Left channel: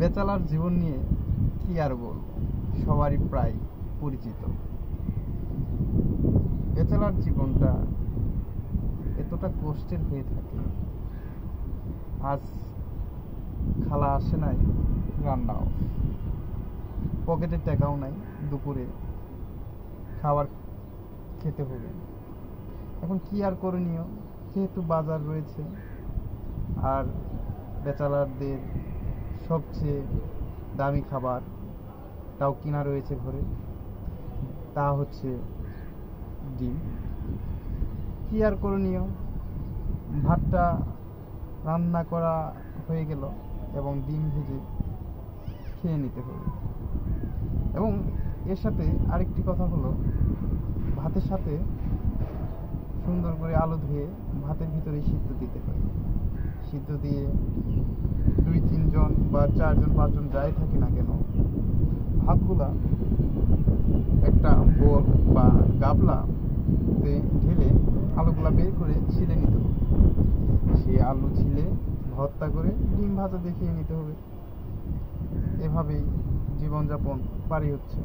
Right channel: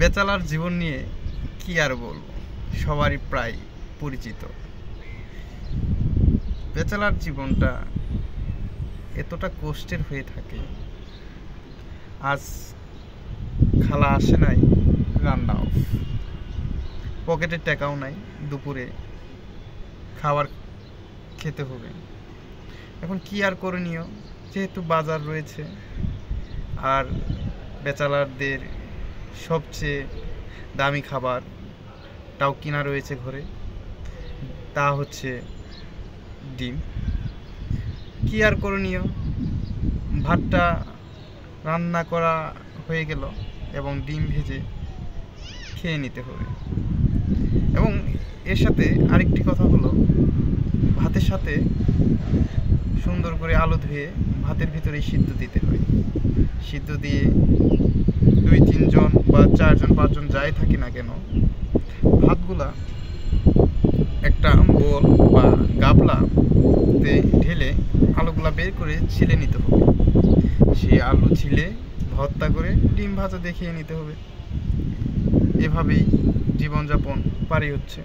বেচালার জীবন নিয়ে কি আর বলবো, সবারই প্রায় পরিচিত। বেচালার জীবনটা এতটা কষ্টের হয়ে থাকে। আজ খালা আসে নাই, রান্না অফ, পকেটে টাকাও নাই, দুপুরে খাবার খেতে হবে। এখন কি আর করণীয়, যেহেতু বাজার রয়েছে আর বেচালারদের সবচেয়ে দামি খাবারটাও কিনা রয়েছে ঘরে, তা হচ্ছে ডিম। কি আর করণীয়, ভাতটা রান্না করা হয়ে গেল এবং ডিম ভেজে খেয়ে নিতে হবে। এবং এর সাথে আরেকটি কথা হলো, ভাতের সাথে সুন্দর করে আলু ধুয়ে ভাতের ভিতরে সিদ্ধ দিতে হয়। সিদ্ধ দিয়ে 2-3 জন বা 4 জন 5 জন যাই থাকি না কেন, ভাতগুলা একটা বোল বা গাবলাতে ঢেলে আলুগুলা বের করে ছিলে নিতে হবে। সেই আলু ছিলে ভর্তা করে ডিম ভাজা দেখিয়ে নিতে হবে। এভাবেই জীবনযাপন পারি হচ্ছে।